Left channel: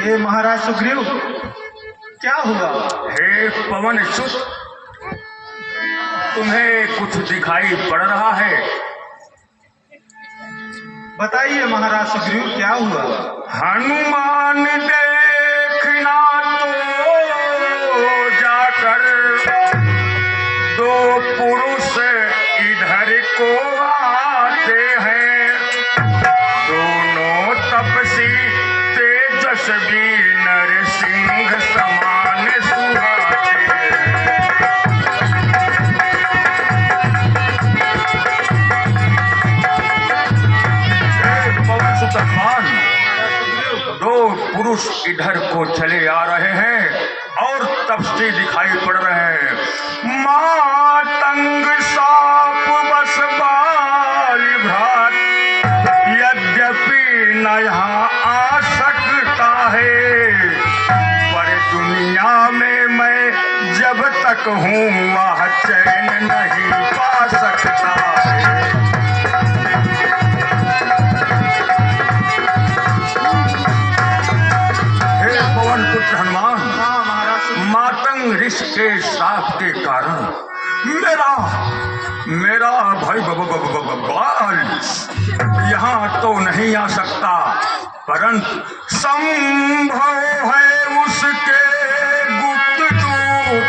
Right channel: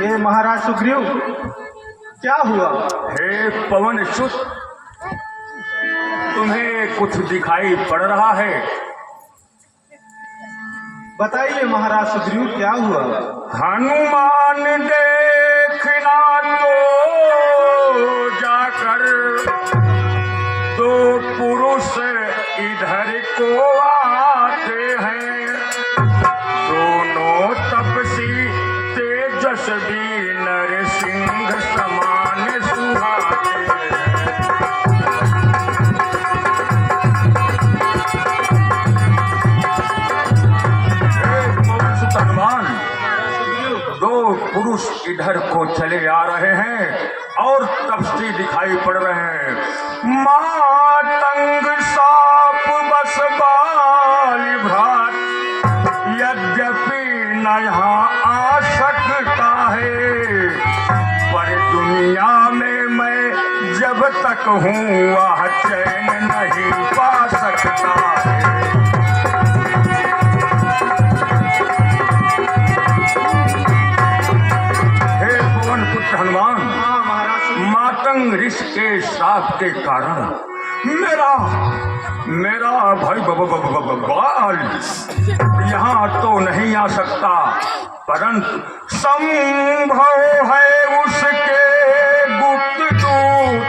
हे महाराज सुग्रीव, क्या हुआ? हे पवन सुत, तुम्हें कुछ दिखाई पड़ रहा है? बताइए महाराज सुग्रीव, क्या हुआ? हनुमान देखना तो जाकर दो पुरुष इधर को आते हैं, दोनों तपसी तेजस्वी नरसिंह समान सुहाते हैं। दो पुरुष इधर को चले आ रहे हैं और तपस्वी दिखाई पड़ रहे हैं। मातंग साप बस बाली भ्रात, यद्यपि न यहाँ आ सकता है, पर दुनिया में मैं जब तक हूँ वह चैन नहीं पा सकता है। पुत्र हनुमान, मातंग ऋषि के श्राप के कारण मेरा भाई बाल यहाँ तो नहीं आ सकता, परंतु संभव है उसके गुप्त दूत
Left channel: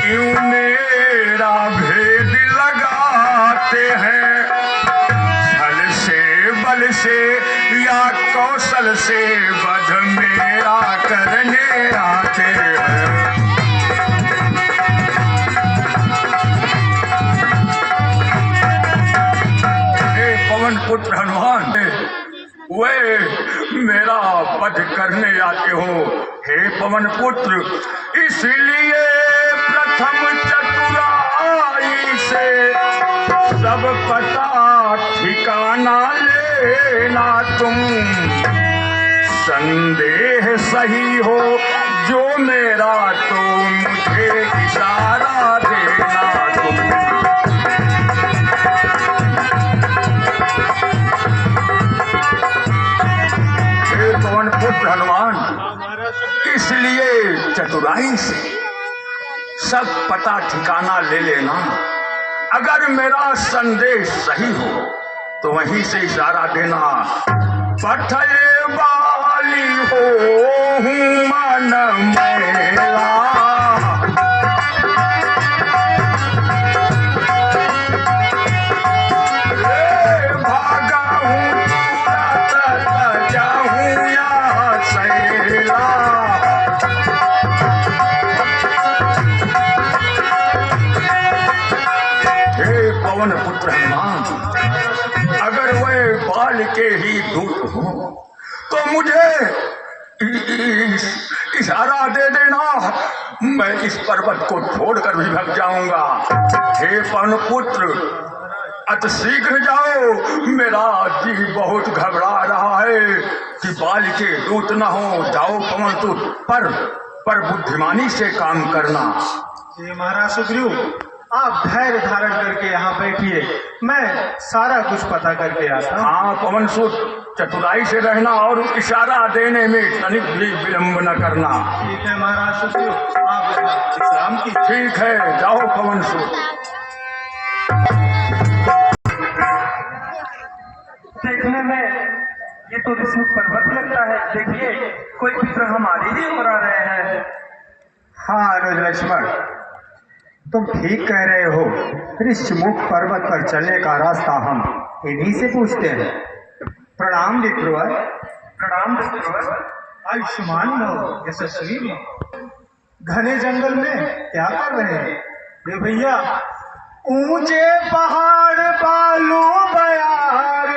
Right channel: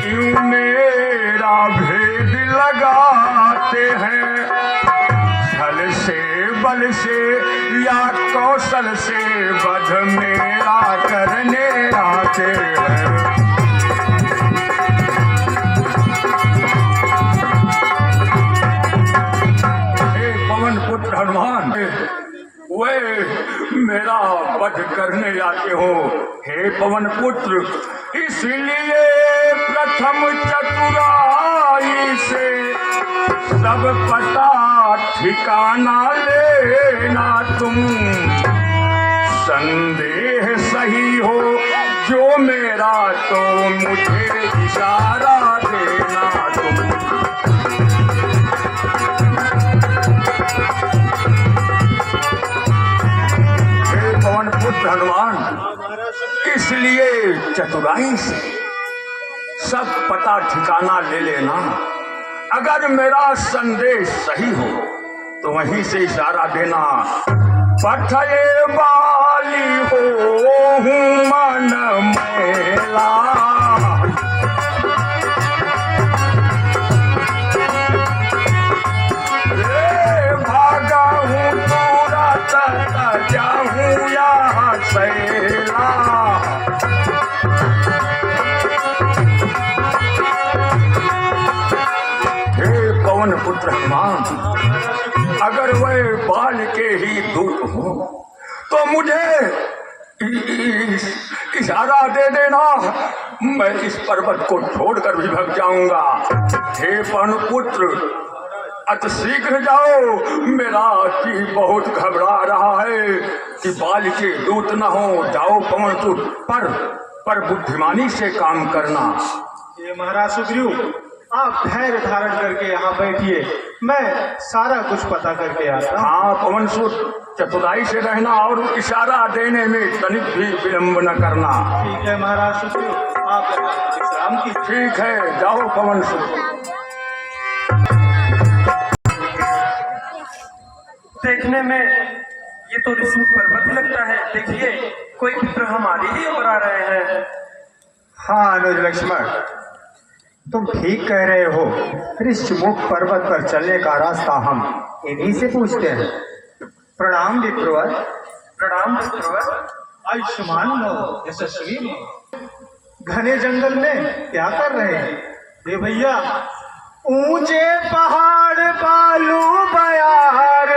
क्यों मेरा भेद लगाते हैं, छल से बल से या कौशल से वध मेरा करने आते हैं। हे पवन पुत्र हनुमान, वे मेरा वध करने आते हो। हे पवन पुत्र, इसलिए प्रथम चतुराई से सब पता ठिकाना लेना तुम, संदेह सही हो जो मेरा तो मुझे इशारा देना तुम। हे पवन पुत्र हनुमान, इसलिए चतुराई से सब पता ठिकाना ले लेना। अगर मेरा संदेश सही हो तो वहीं से इशारा देना। पठये वाली हो मन मेला, भागा हूँ तुरंत जाऊँ या सैला। हे पवन पुत्र हनुमान, अगर वे बाल के ही दूत हो तो मुझे इशारा दे देना, मैं इस पर्वत को छोड़कर भी भाग जाऊंगा। हे पवन पुत्र, अत शीघ्र जाओ, मेरा जी बहुत घबरा रहा है कि बाल के दूत न हो। जाओ पवन पुत्र, पर बुद्धिमानी से काम करना। ये महाराज सुग्रीव, आप धैर्य धारण करके यहाँ बैठिए, मैं सारा कुछ पता करके आता हूँ। हाँ पवन सुत, चतुराई से रहना और इशारा देने में तनिक भी विलंब न करना। ठीक है महाराज सुग्रीव, आप विश्राम की। ठीक है, जाओ पवन सुत। देखने में ये तो ऋषमुख पर्वत लगता है। देखिए, कोई पुत्र हमारी ही ओर आ रहे हैं। हाँ अनुज लक्ष्मण, तुम ठीक कह रहे हो। ऋषमुख पर्वत पर चलने का रास्ता हम इन्हीं से पूछते हैं। प्रणाम विप्रवर। प्रणाम विप्रवर। आयुष्मान भव, यशस्वी भव। घने जंगल में क्या कर रहे हैं? ये भैया, ऊंचे पहाड़ बालू बयार,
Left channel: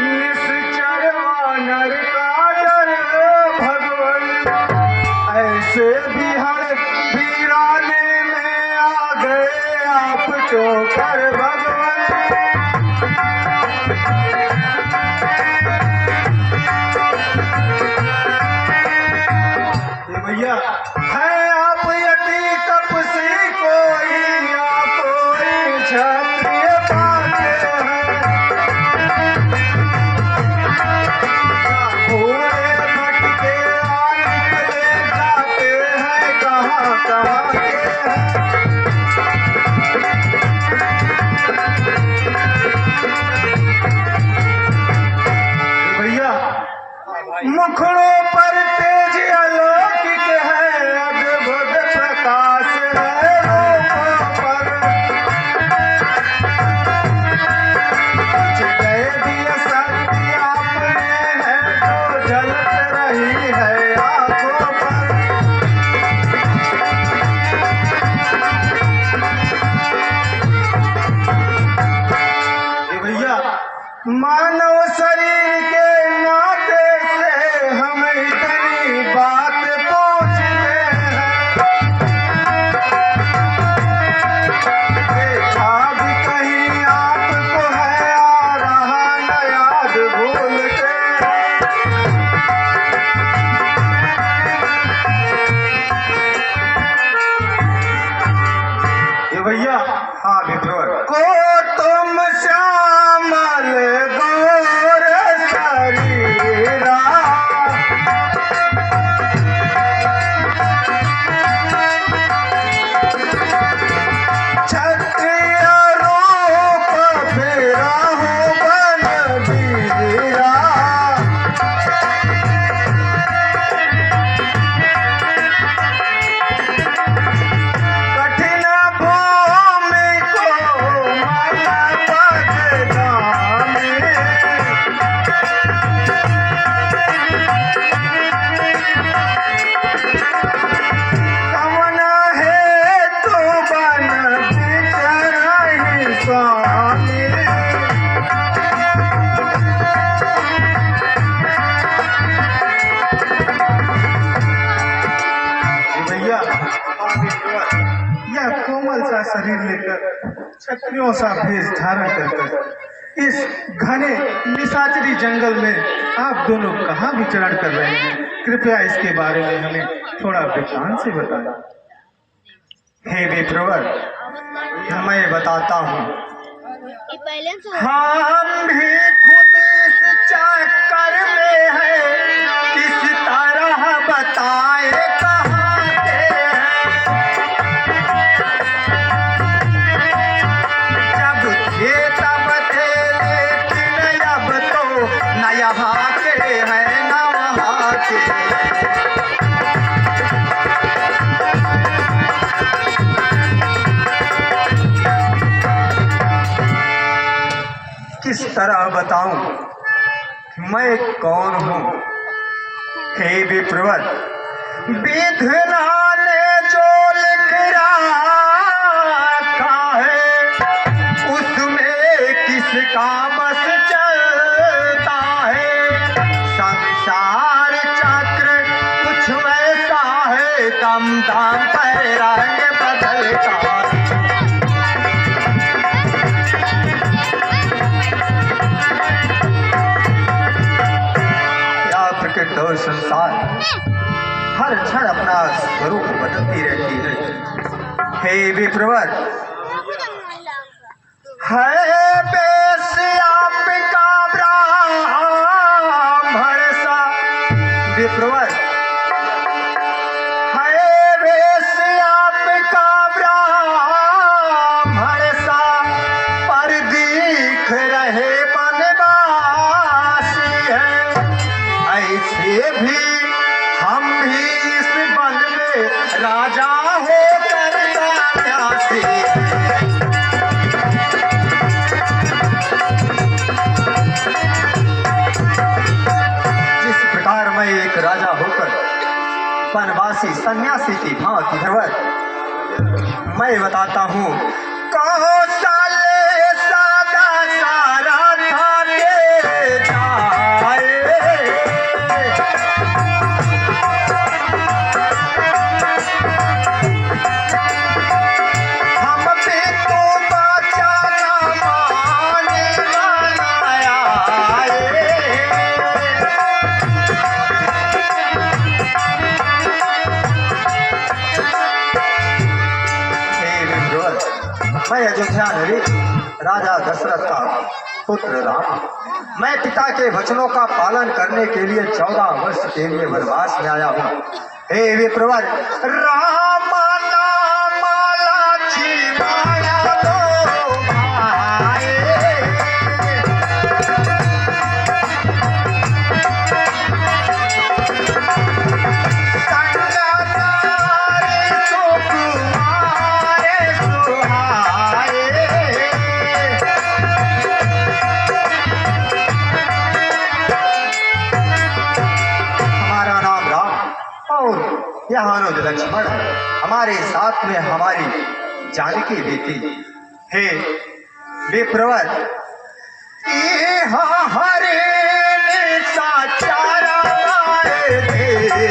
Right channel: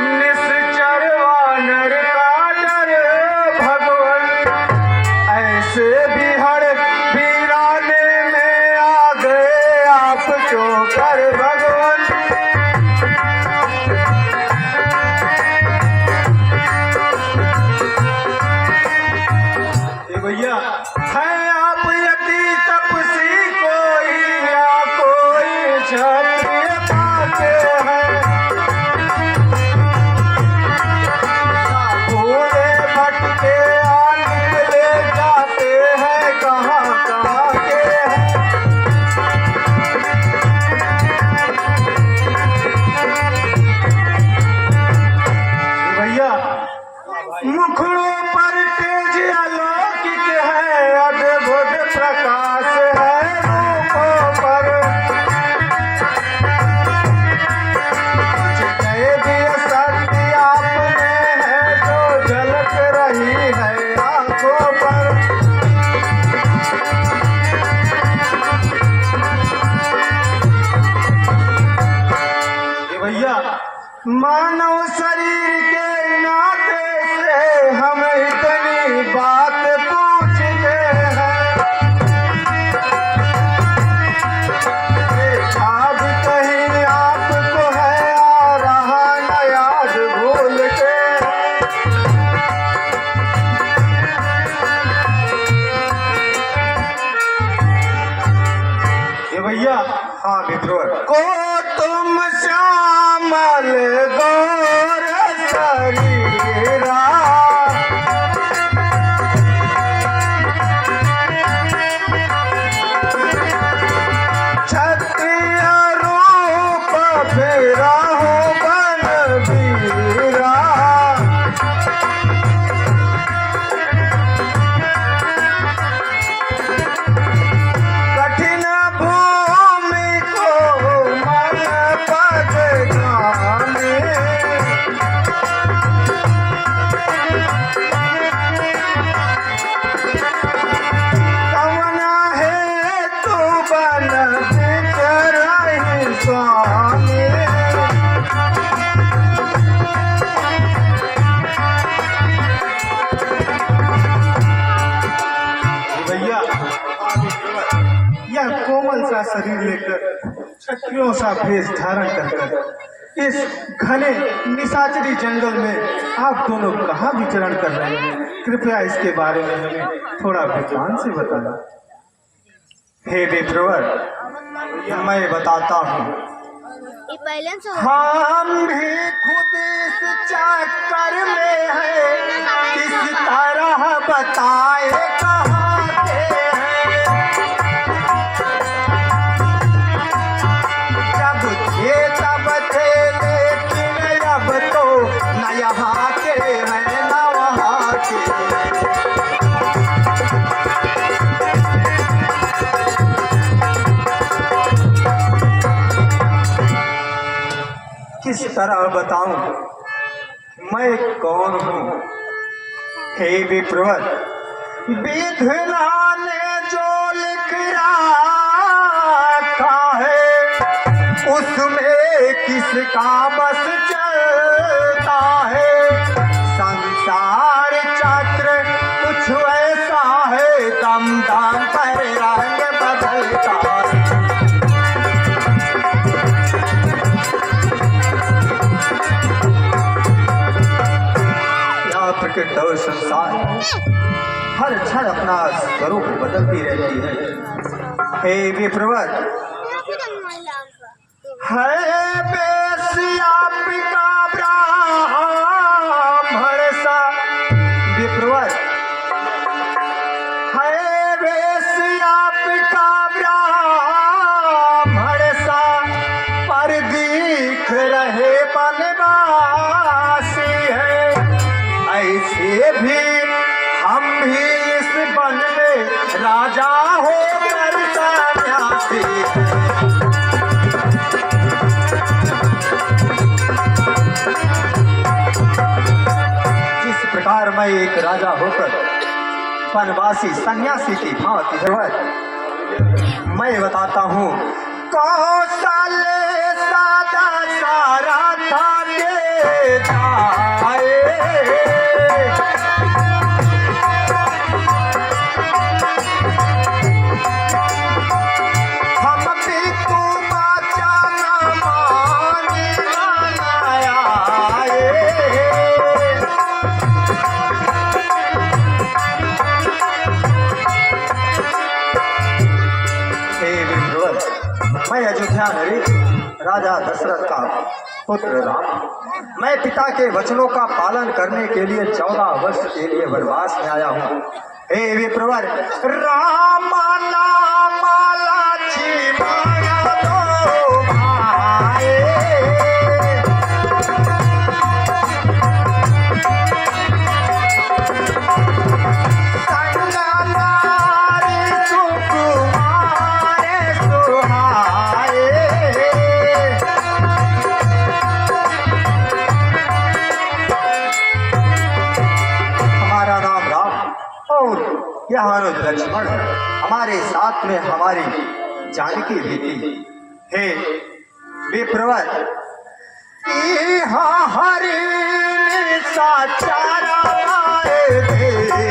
निश्चर वानर का डर भगवान, ऐसे बिहड़ वीराने में आ गए आप चोकर भगवान। ये भैया, है आप यदि तपसी कोई या कोई क्षत्रिय पाके हैं, भूले भटके मानव शरीर के नाते से हम इतनी बात पूछते हैं, देखा भी कहीं आपको है आ रहा न याद भूलते हैं। ये भैया, हाँ मित्रों, को तुम श्यामल गौर शरीरा, क्षत्रिय रूप फेरा हूँ बनवीरा, कठिन भूमि को मल बजगाने, कमना है तो बन बिचरहि स्वामी, भैया यह कोमल सा शरीर लेकर क्षत्रियों सा भेष धारण कर इस घने निशाचरी जंगल में आप दोनों कहाँ विचरण कर रहे हैं? कृपया इसके बारे में हमें थोड़ा विस्तार से बताना। हे विप्रवर, मैं बताता हूँ। हम भी खुद इस चक्कर में हैं, किस तरह बताए कहाँ के हैं। जब थे तब थे, लेकिन अब तो न यहाँ के हैं न वहाँ के। किस तरह बताऊं मैं कौन हूँ? हे विप्रवर, विधना ने जो लिख रखा है, उसमें किसका बस चलता है। संसार चक्र कुछ ऐसा है, दम दम पर रंग बदलता है। प्रकृति और संसार हर क्षण अपना स्वरूप बदलती रहती है। हे विप्रवर, है बेस आपका ब्राह्मण सा विप्रवर, है बेस आपका ब्राह्मण सा, पर दिख रहे बनवासी है। ऐसे भी हम भी इस वन में राजा होकर सन्यासी। जिस प्रकार मैं एक राजा होकर वनवासी सन्यासी की भांति मैं बताता हूँ। कौशल्य सदा सारा था के जाए, हम भी तो बचाना मान आए। मैं अयोध्या नगरी राजा दशरथ का पुत्र राम, मैं पिता के वचनों का पालन करने के लिए 14 वर्ष के लिए वनवास में आया हूँ। हे विप्रवर, राम नाम लक्ष्मण दो भाई, यह अनुज लक्ष्मण हमारे साथ में हमारी जानकी बेटी। हे विप्रवर, हरे सा चारा लाए दे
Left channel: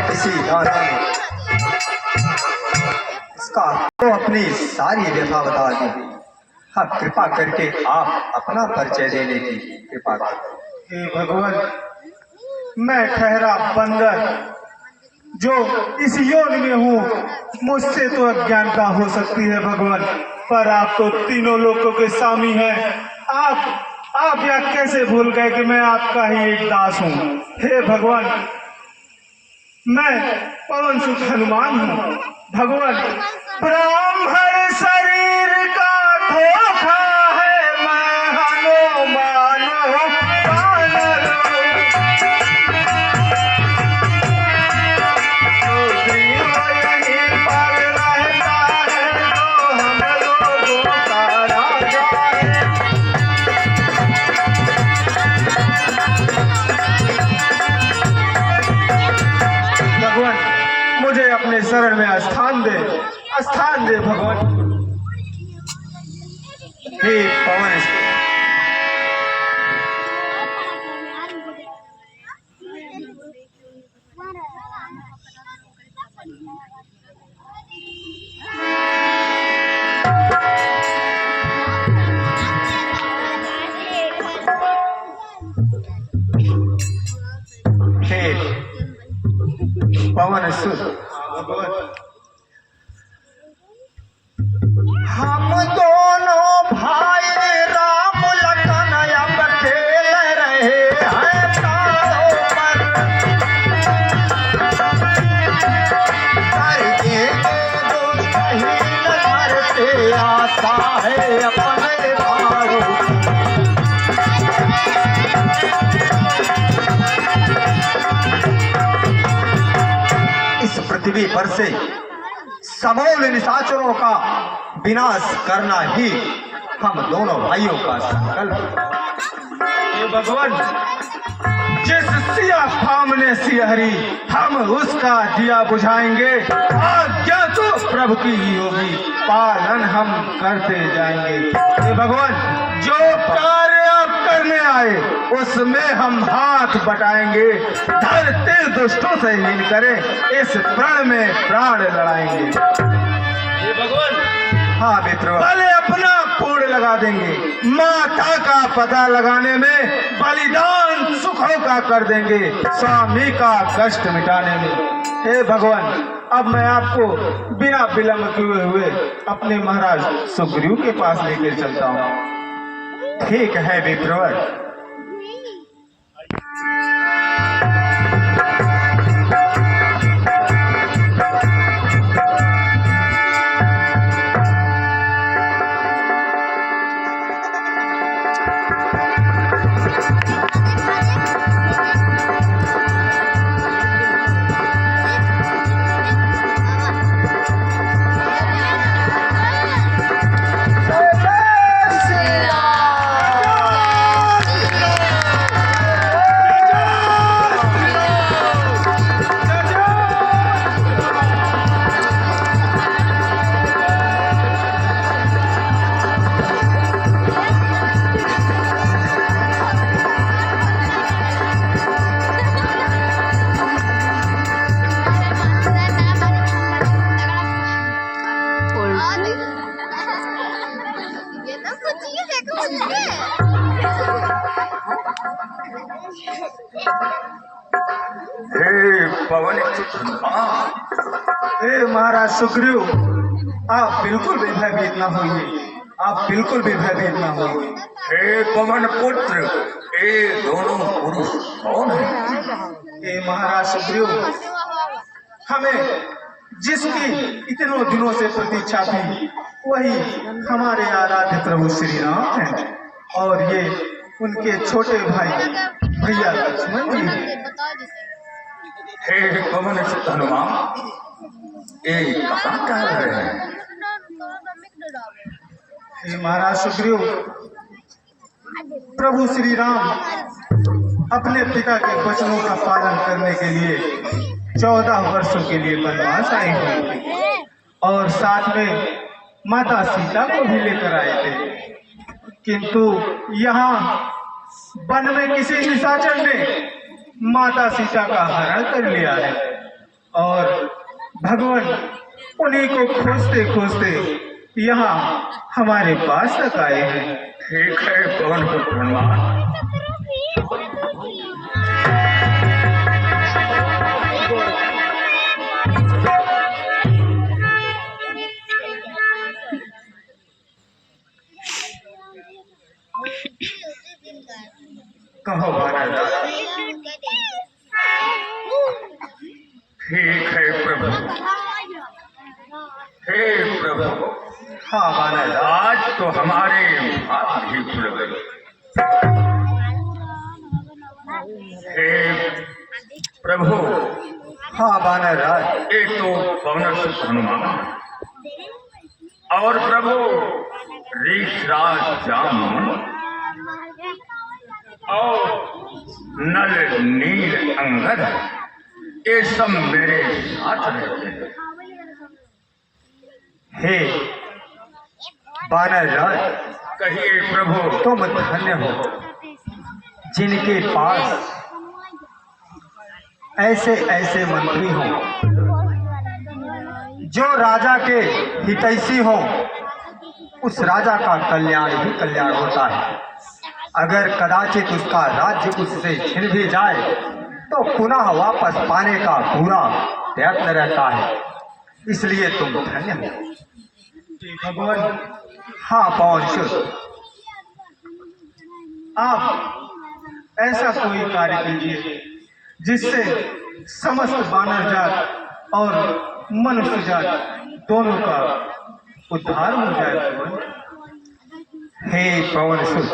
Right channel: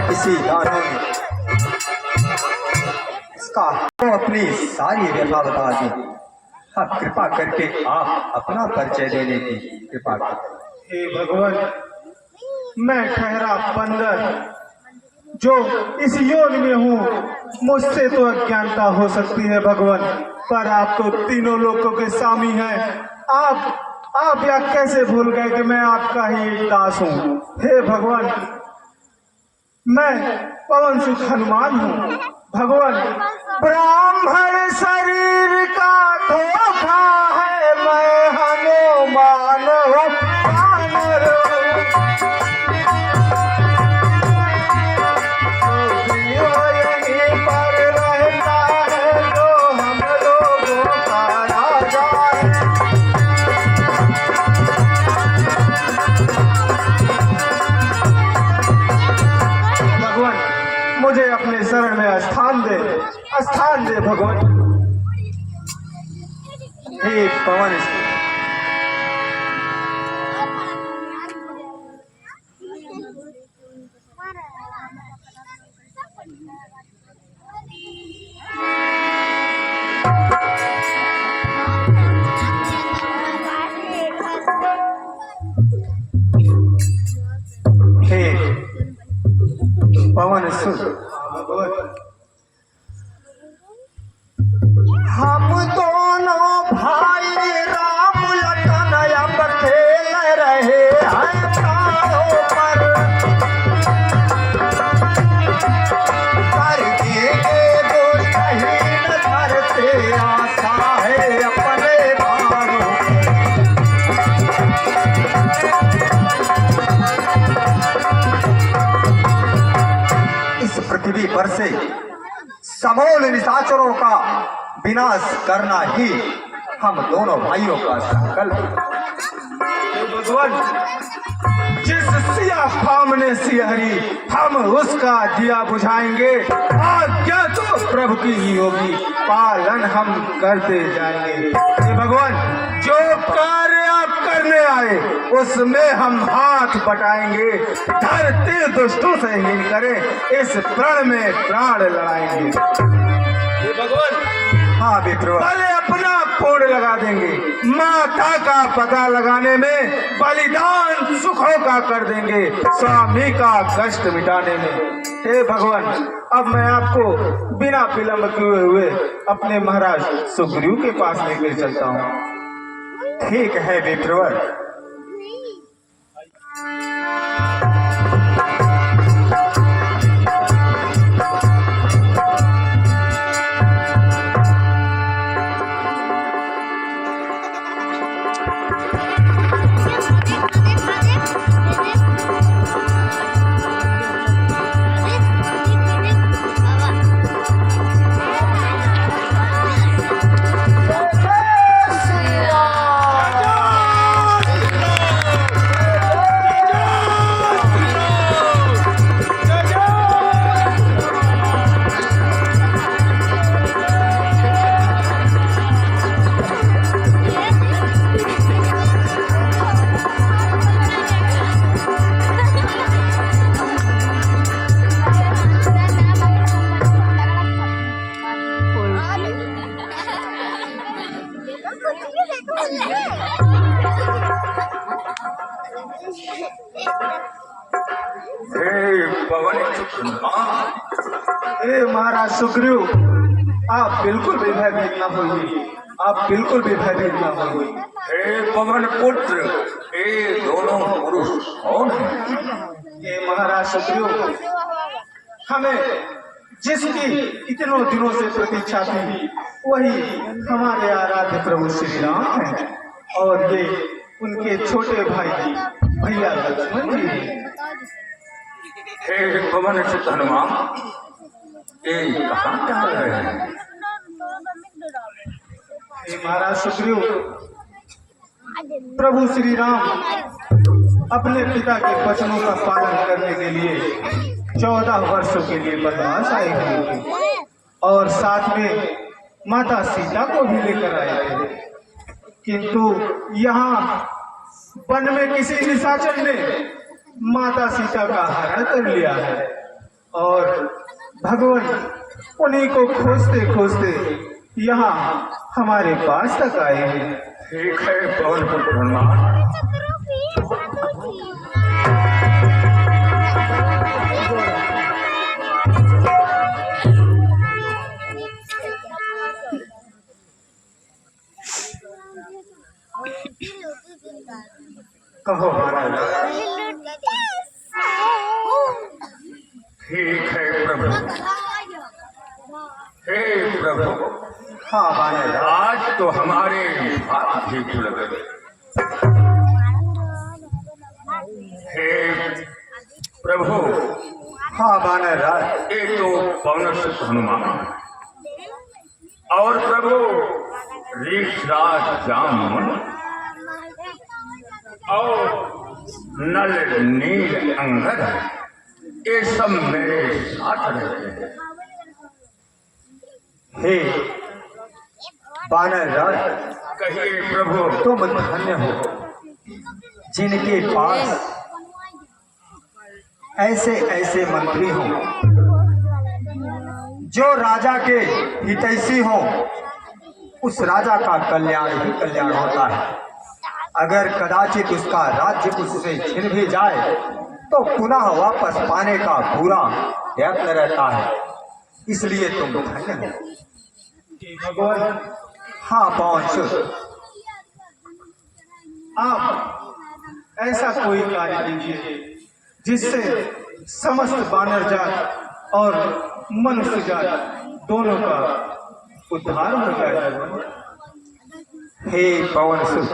किसी दाना ने इसका तो अपनी सारी व्यथा बता दी। हाँ, कृपा करके आप अपना परिचय देने की कृपा करें। हे भगवान, मैं ठहरा बंदर जो इस योग में हूँ, मुझसे तो अज्ञानता हो सकती है भगवान, पर आप तो तीनों लोगों के स्वामी हैं। आप यह कैसे भूल गए कि मैं आपका ही एक दास हूँ। हे भगवान, मैं पवन सुत हनुमान हूँ। भगवान, ब्राह्मण शरीर का धोखा है, मैं हनुमान हूँ, वानर हूँ। तो जीव यहीं पर रहता है, जो हम लोगों का राजा है। भगवान, मुझे अपने शरण में स्थान दे भगवान। हे पवन, हे पवन सुत, हम दोनों भाई राम लखन अब खेल रहे हैं तारों पर के दुष्टहीन घर से आशा है अपने भारों। इस पृथ्वी पर से समूल निशाचरों का विनाश करना ही हम दोनों भाइयों का संकल्प। हे भगवान, जिस सिया फाम ने सियहरी, हम उसका दिया बुझाएंगे। आज्ञा तो प्रभु की ही होगी, पालन हम करते जाएंगे। हे भगवान, जो कार्य आप करने आए उसमें हम हाथ बटाएंगे। धरती दुष्टों से हीन करें, इस प्रण में प्राण लड़ाएंगे। हे भगवान, हाँ मित्र, भले अपना कोड लगा देंगे, माता का पता लगाने में बलिदान सुखों का कर देंगे, स्वामी का कष्ट मिटाने में। हे भगवान, अब मैं आपको बिना विलंब किए हुए अपने महाराज सुग्रीव के पास लेकर चलता हूँ। ठीक है मित्रवर। हे महाराज सुग्रीव, आप बिल्कुल भी भयभीत न होइए। आप बिल्कुल भी भयभीत ना होइए। हे पवन पुत्र, ये दोनों पुरुष कौन है? ये महाराज सुग्रीव हमें जिसकी इतनों दिनों से प्रतीक्षा थी वही हमारे आराध्य प्रभु श्री राम हैं और ये उनके छोटे भाई भैया लक्ष्मण जी हैं। हे पवन सुत हनुमान, ये कहाँ जा रहे हैं? हे महाराज सुग्रीव, प्रभु श्री राम अपने पिता के वचनों का पालन करने के लिए 14 वर्षों के लिए वनवास आए हुए थे और साथ में माता सीता को भी लेकर आए थे, किंतु यहाँ वन में किसी निशाचर ने माता सीता का हरण कर लिया है और भगवान उन्हीं को खोजते खोजते यहाँ हमारे पास तक आए हैं। ठीक है पवन पुत्र हनुमान, कहो महाराज। ठीक है प्रभु। हे प्रभु, हाँ महाराज। आज तो हमारे भाग्य खुल गए। हे प्रभु, हाँ महाराज। एक तो पवन सुत हनुमान और प्रभु ऋषराज जाम और नल नील अंगद, ये सब मेरे साथ रहते हैं। हे बानर राज, कहिए प्रभु। तुम धन्य हो जिनके पास ऐसे ऐसे मंत्री हों जो राजा के हितैषी हों। उस राजा का कल्याण ही कल्याण होता है। अगर कदाचित उसका राज्य उससे छिन भी जाए तो पुनः वापस पाने का पूरा प्रयत्न रहता है। इसलिए तुम धन्य हो भगवान। हाँ पवन सुत, आप ऐसा कोई कार्य कीजिए जिससे समस्त बानर जात और मनुष्य जात दोनों का उद्धार हो जाए। हे पवन सुत,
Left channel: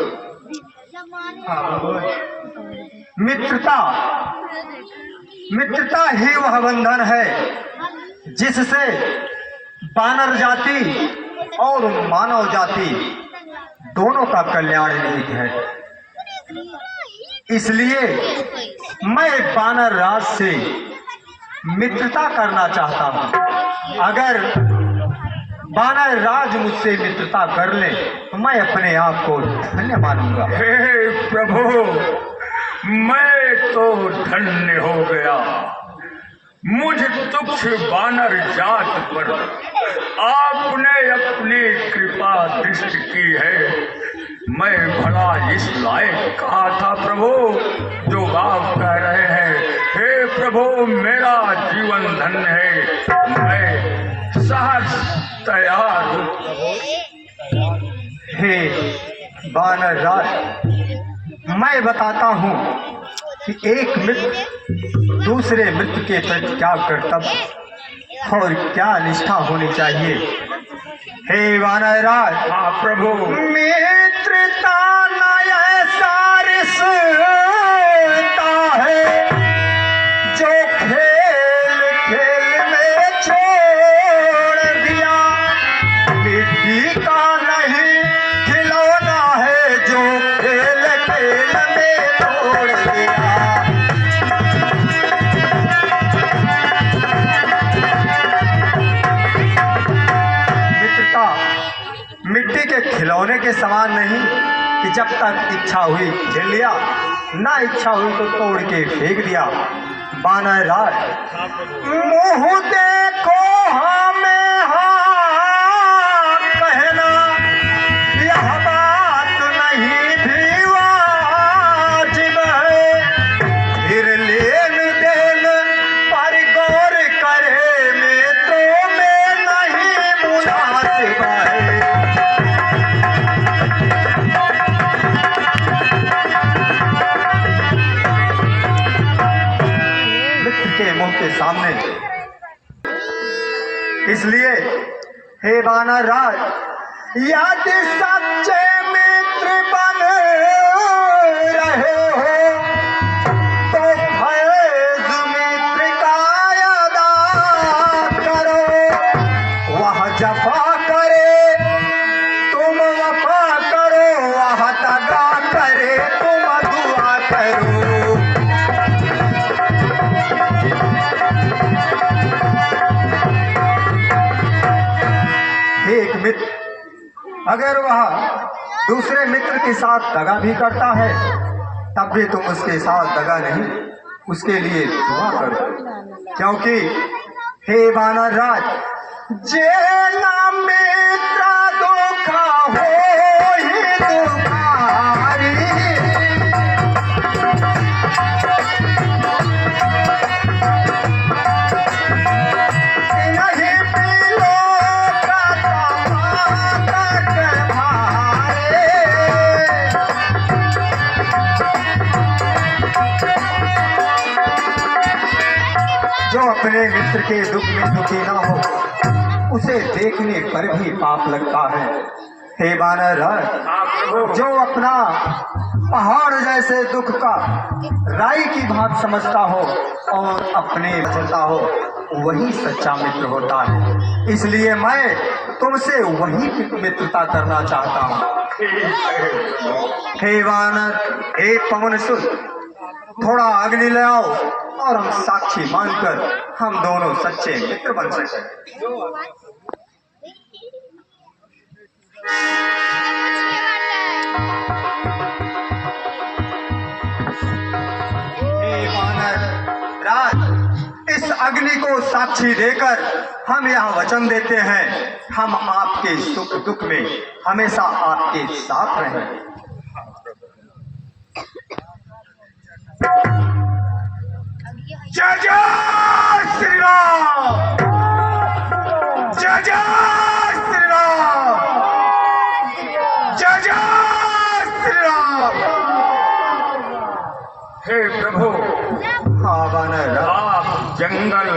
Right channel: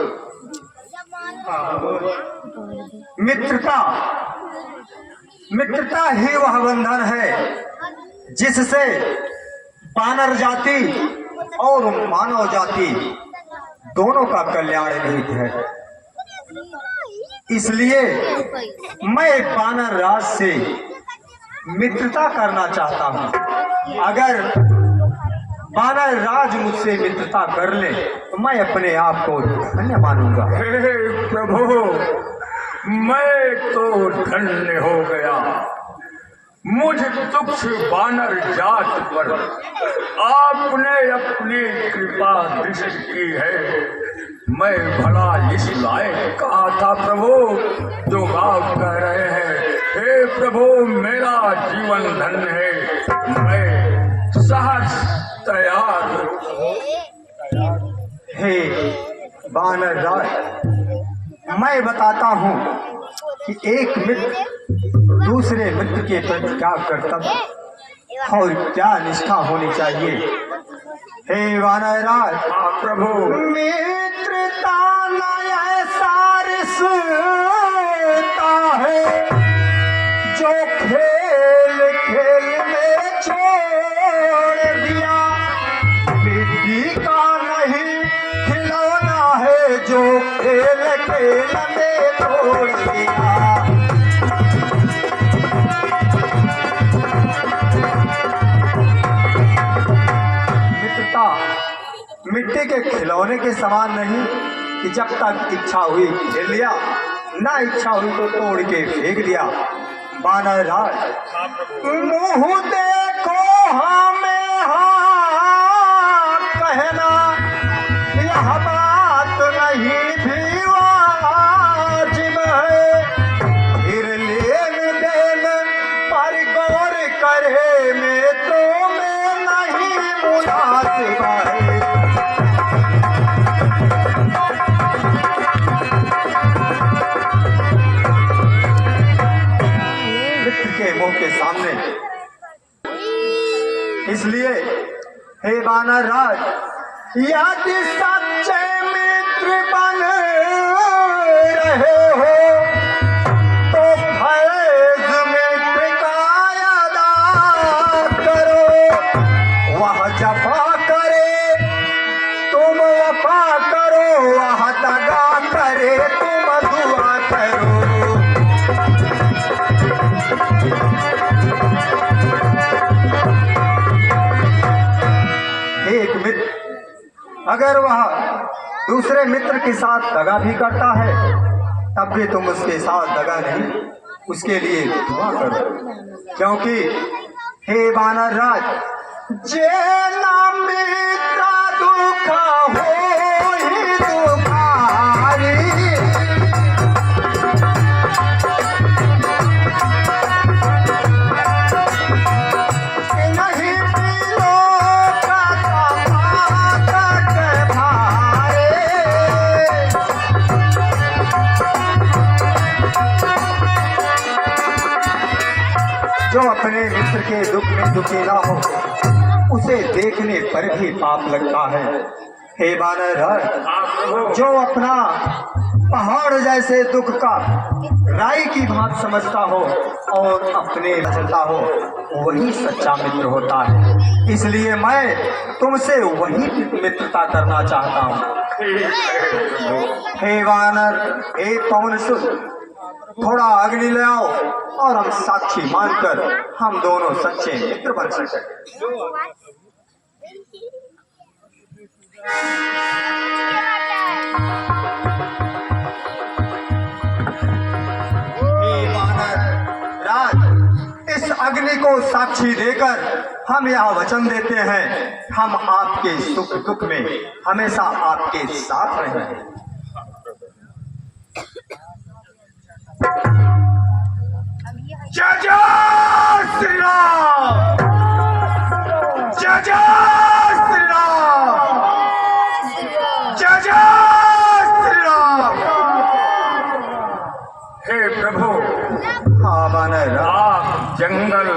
हाँ भगवान। मित्रता ही वह बंधन है जिससे बानर जाति और मानव जाति दोनों का कल्याण निहित है। इसलिए मैं बानर राज से मित्रता करना चाहता हूँ। अगर बानर राज मुझसे मित्रता कर ले तो मैं अपने आप को धन्य मानूंगा। हे प्रभु, मैं तो धन्य हो गया। मुझ तुच्छ बानर जात पर आपने अपनी कृपा दृष्टि की है। मैं भला इस लायक कहा था प्रभु जो आप कह रहे हैं। हे प्रभु, मेरा जीवन धन्य है। मैं सहर्ष तैयार हूँ प्रभु। हे बानर राज, मैं बताता हूँ कि एक मित्र दूसरे मित्र के प्रति क्या कर्तव्य और क्या निष्ठा होनी चाहिए। हे बानर राज, हाँ प्रभु। मित्रता न ऐसा रिश्ता है जो खेल खेल में छोड़ दिया। मिट्टी का नहीं खिलौना है जो खेल खेल में तोड़ दिया। मित्रता मिट्टी के खिलौने के समान नहीं कि जब तक इच्छा हुई खेल लिया, ना इच्छा हुई तो तोड़ के फेंक दिया। बानर राज, हाँ प्रभु। मुँह देखो हमें हाँ कहना, यह बात नहीं भी वाजिब है। फिर लेन देन पर गौर करे में तो मैं नहीं मुनासिब है। मुंह के सामने। इसलिए हे वानर राज, यदि सच्चे मित्र बन रहे हो तो फैज मित्र का अदा करो। वह जफा करे तुम वफा करो, वह दगा करे तुम दुआ करो। एक मित्र अगर वह दूसरे मित्र के साथ दगा भी करता है तब भी तुम उसके साथ दगा नहीं, उसके लिए दुआ करो। क्योंकि हे वानर राज, जे ना मित्र दुखा हो ही दुखारी। नहीं मिलो जो अपने मित्र के दुख में दुखी ना हो, उसे देखने पर भी पाप लगता है। हे वानर राज, जो अपना पहाड़ जैसे दुख का राई की भांति समझता हो और अपने चलता हो, वही सच्चा मित्र होता है। इसलिए मैं तुमसे वही मित्रता करना चाहता हूँ। हे वानर, हे पवन सुत, थोड़ा अग्नि ले आओ और हम साक्षी मानकर हम दोनों सच्चे मित्र बन सके। हे वानर राज, इस अग्नि को साक्षी देकर हम यह वचन देते हैं, हम आपके सुख दुख में हमेशा आपके साथ रहेंगे। जय जय श्री राम, जय जय श्री राम, जय जय श्री राम। हे प्रभु, हाँ वानर राज, आप जंगल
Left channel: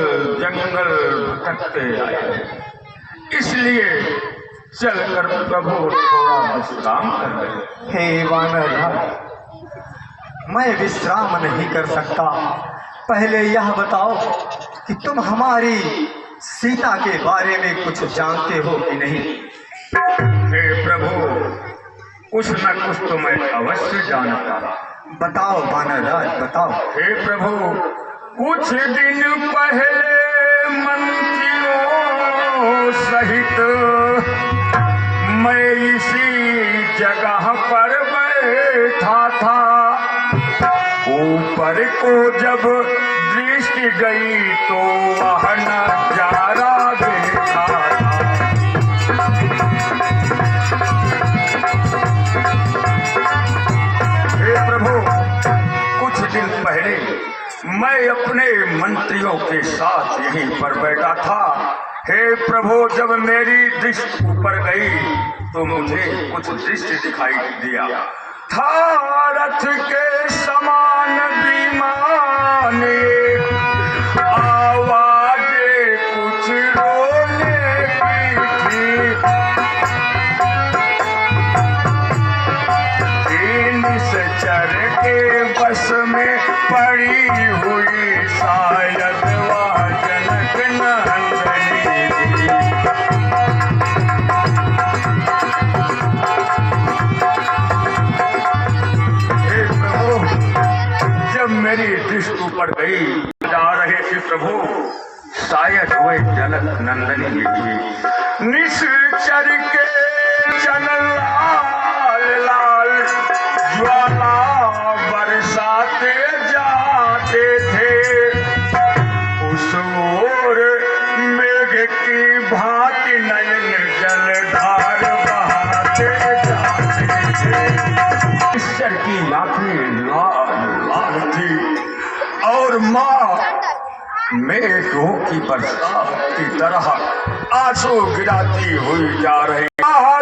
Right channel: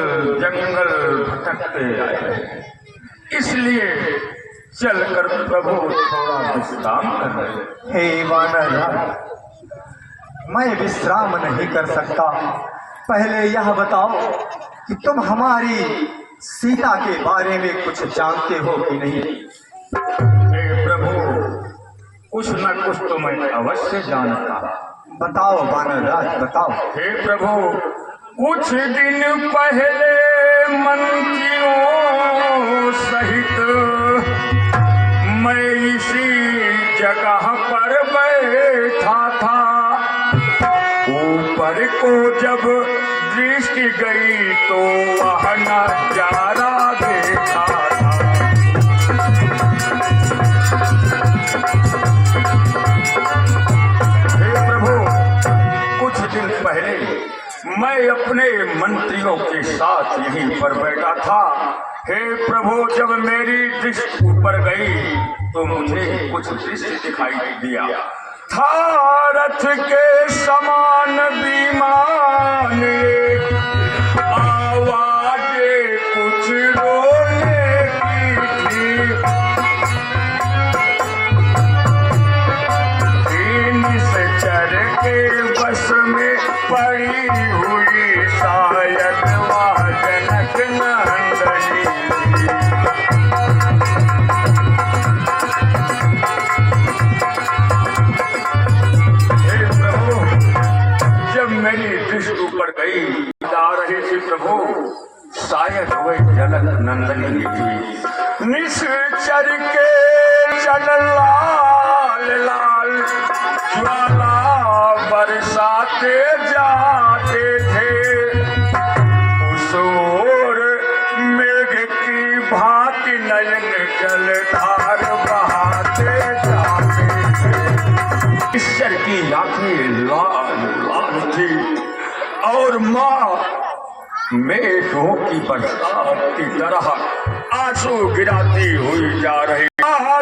जंगल भटकते आए, इसलिए चलकर प्रभु थोड़ा विश्राम कर रहे। हे वानर राज, मैं विश्राम नहीं कर सकता। पहले यह बताओ कि तुम हमारी सीता के बारे में कुछ जानते हो कि नहीं? हे प्रभु, कुछ न कुछ तो मैं अवश्य जानता। बताओ वानर राज, बताओ। हे प्रभु, कुछ दिन पहले मंत्रियों सहित मैं इसी जगह पर बैठा था। ऊपर को जब दृष्टि गई तो वह नजारा देखा। हे प्रभु, कुछ दिन पहले मैं अपने मंत्रियों के साथ यहीं पर बैठा था। हे प्रभु, जब मेरी दृष्टि ऊपर गई तो मुझे कुछ दृश्य दिखाई दिया था। रथ के समान विमान, आवाजें कुछ रोने की थी। निश्चर के बस में पड़ी हुई शायद वह जनक नंदनी थी। जब मेरी दृष्टि ऊपर गई, जा रहे थे प्रभु, शायद वे जनक नंदनी थी। निश्चर के चल लाल लाल ज्वाला बरसाते जाते थे। उस ओर मेघ की भांति नयन जलधार बहाते जाते थे। ईश्वर की आंखें लाल लाल थी और माँ मेघों की बरसात की तरह आंसू गिराती हुई जा रही।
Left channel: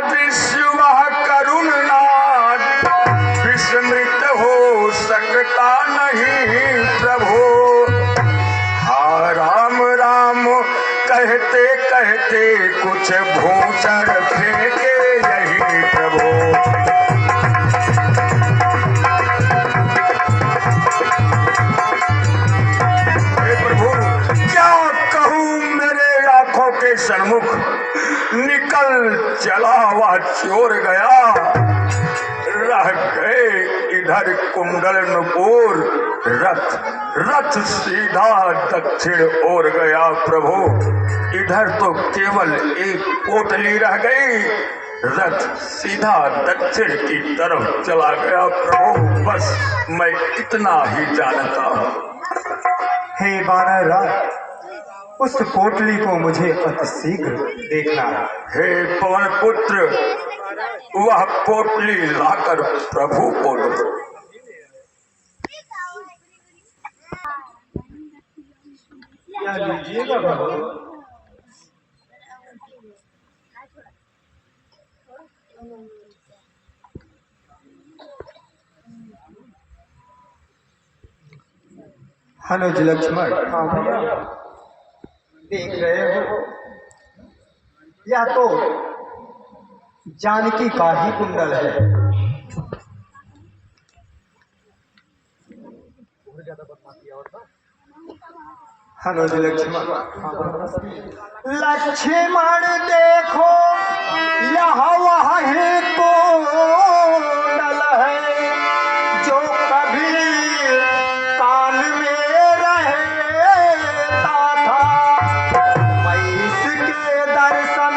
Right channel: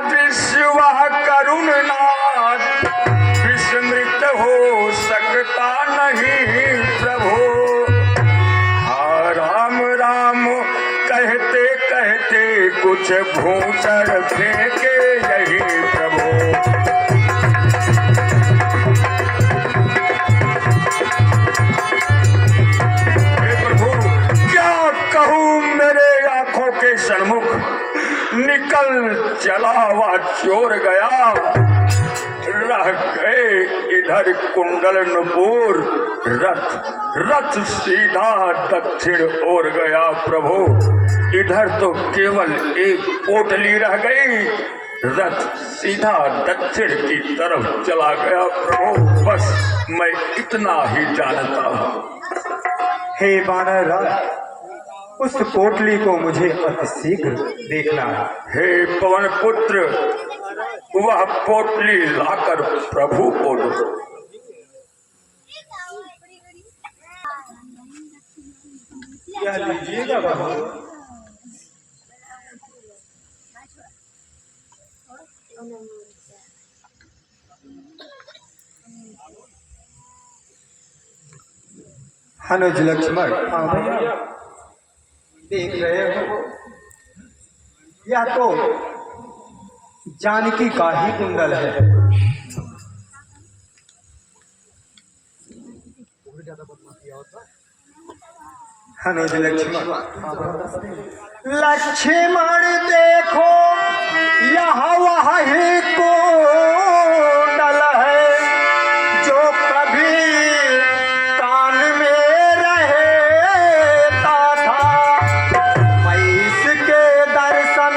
दृश्य वह करुणनाथ विस्मृत हो सकता नहीं प्रभु। कुछ भूषण फेंके यही प्रभु। हे प्रभु क्या कहूँ, मेरे आंखों के सन्मुख निकल चला हुआ चोर गया, रह गए इधर कुंडल नुपुर, रथ सीधा दक्षिण ओर गया प्रभु। इधर तो केवल एक पोटली रह गई, रथ सीधा दक्षिण की तरफ चला गया प्रभु। बस मैं इतना ही जानता हूँ। हे वानर राज, उस पोटली को मुझे अतिशीघ्र देखना है। हे पवन पुत्र, वह पोटली लाकर प्रभु को दो। क्या लीजिएगा बाबू? अनुज लक्ष्मण, देख रहे हो, यह तो जानकी का ही कुंडल है। अनुज लक्ष्मण, लक्ष्मण देखो यह वही कुंडल है जो कभी कान में रहता था। मैं इसके दर्शन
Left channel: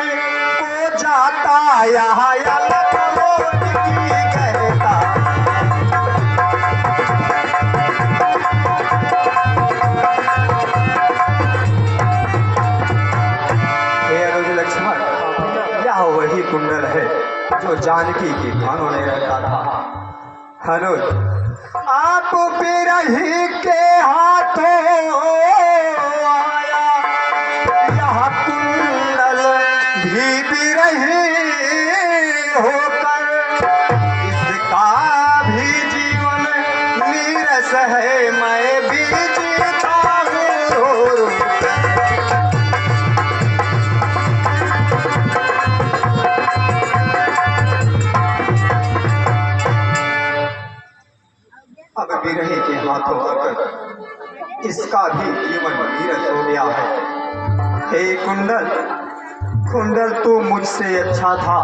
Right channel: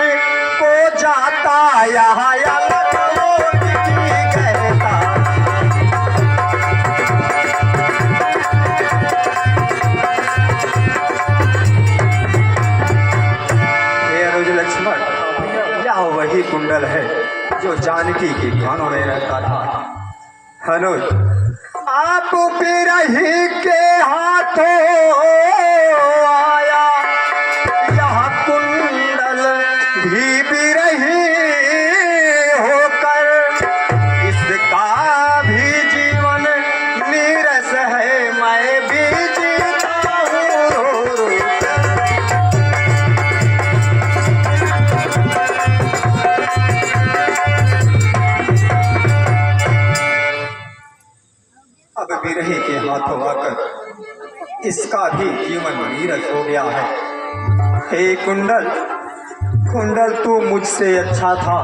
को जाता यहाँ अलग की कहता। हे अनुज लक्ष्मण, यह वही कुंडल है जो जानकी के कानों में रहता था। अनुज, आप बिरही के हाथों आया यह कुंडल भी बिरही होकर, इसका भी जीवन नीरस है, मैं भी जीता हूँ रो रो कर। अब बिरही के हाथों आकर इसका भी जीवन नीरस हो गया है। हे कुंडल, कुंडल तो मुझसे अच्छा था,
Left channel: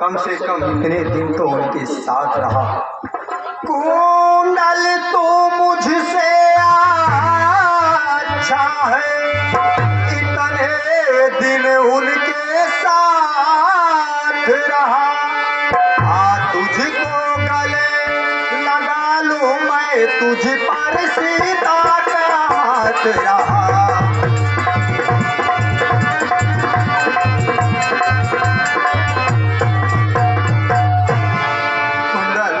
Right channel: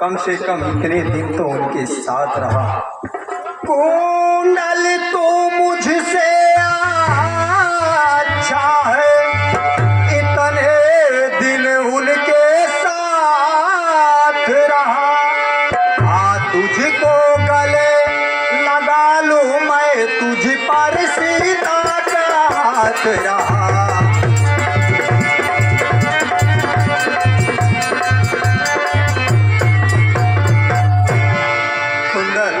कम से कम इतने दिन तो उनके साथ रहा। कुंडल तो मुझसे अच्छा है, इतने दिन उनके साथ रहा। तुझको गले लगा लूं मैं, तुझ पर सीता का हाथ रहा। कुंडल,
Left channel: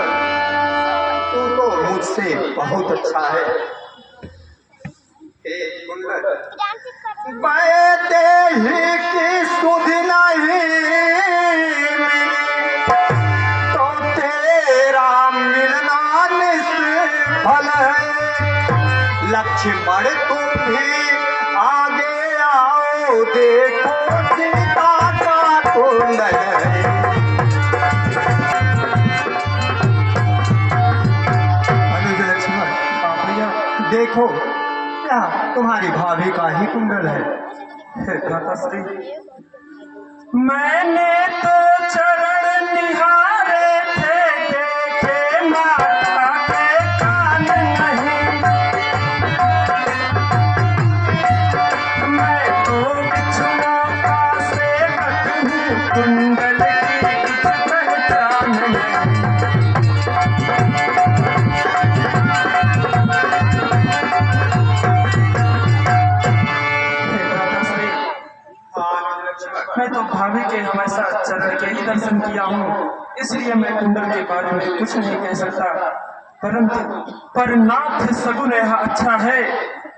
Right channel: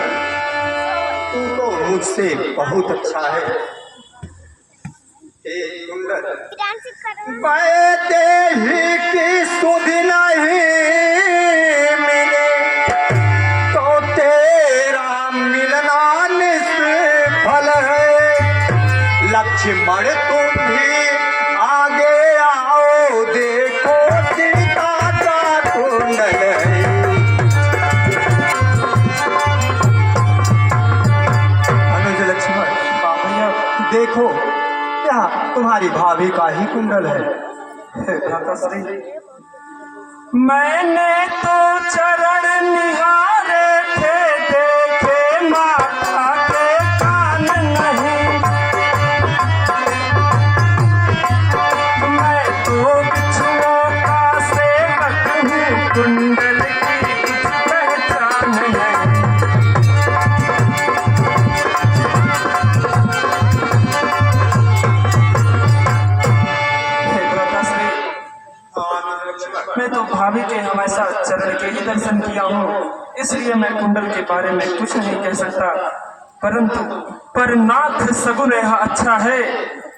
तू तो मुझसे बहुत अच्छा है। हे कुंडल, बैठे ही की सुध नहीं मिले तो तेरा मिलना निष्फल है। लक्ष्मण तुम भी आगे आओ, देखो सीता का कुंडल है। अनुज लक्ष्मण, देखो यह तुम्हारी भाभी का ही कुंडल है। भ्राताश्री, मैंने तो चरण निहारे थे, देखे माता के कान नहीं। मैं तो बिच्छुओं का सेवक हूँ, कुंडल की कुछ पहचान नहीं। मैं तो भाभी के हमेशा चरण के ही दर्शन किया हूँ, इसलिए मैं कुंडल के बारे में कुछ नहीं कह सकता। परंतु पर नाथ सगुन यह अच्छा है,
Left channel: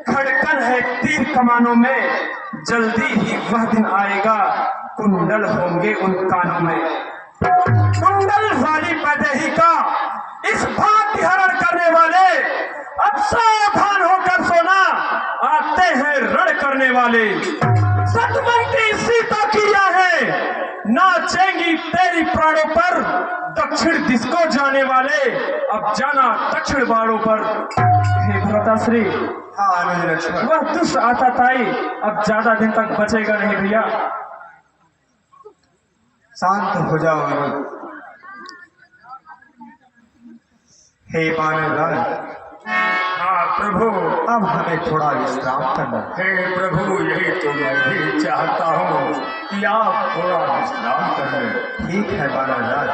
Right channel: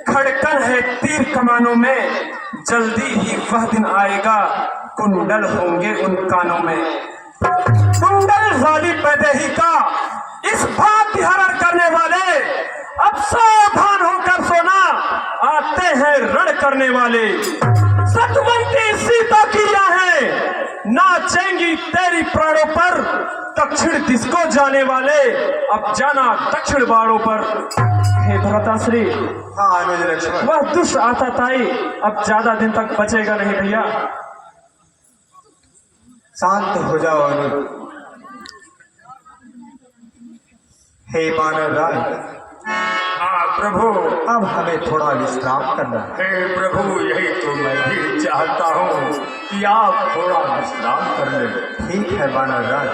खड़कन है तीर कमानों में, जल्दी ही वह दिन आएगा कुंडल होंगे उन कानों में। कुंडल वाली पैदेही का इस भांति हरण करने वाले, अब सावधान होकर सोना, आते हैं रण करने वाले। सतवंती सीता की है नाचेंगी तेरी प्राणों पर। दक्षिण दिश को जाने वाले अब जाना दक्षिण बाड़ों पर। हे भ्राताश्री, हाँ अनुज लक्ष्मण, वह दुष्ट आताताई अब ज्यादा दिन तक बचेगा नहीं भैया। शांत हो जाओ अनुज। हे मानव राज, हाँ प्रभु। अब हमें थोड़ा विश्राम करना है। हे प्रभु, यही तो मैं भी चाहता हूँ कि आप थोड़ा विश्राम कर लें। ठीक है मानव राज,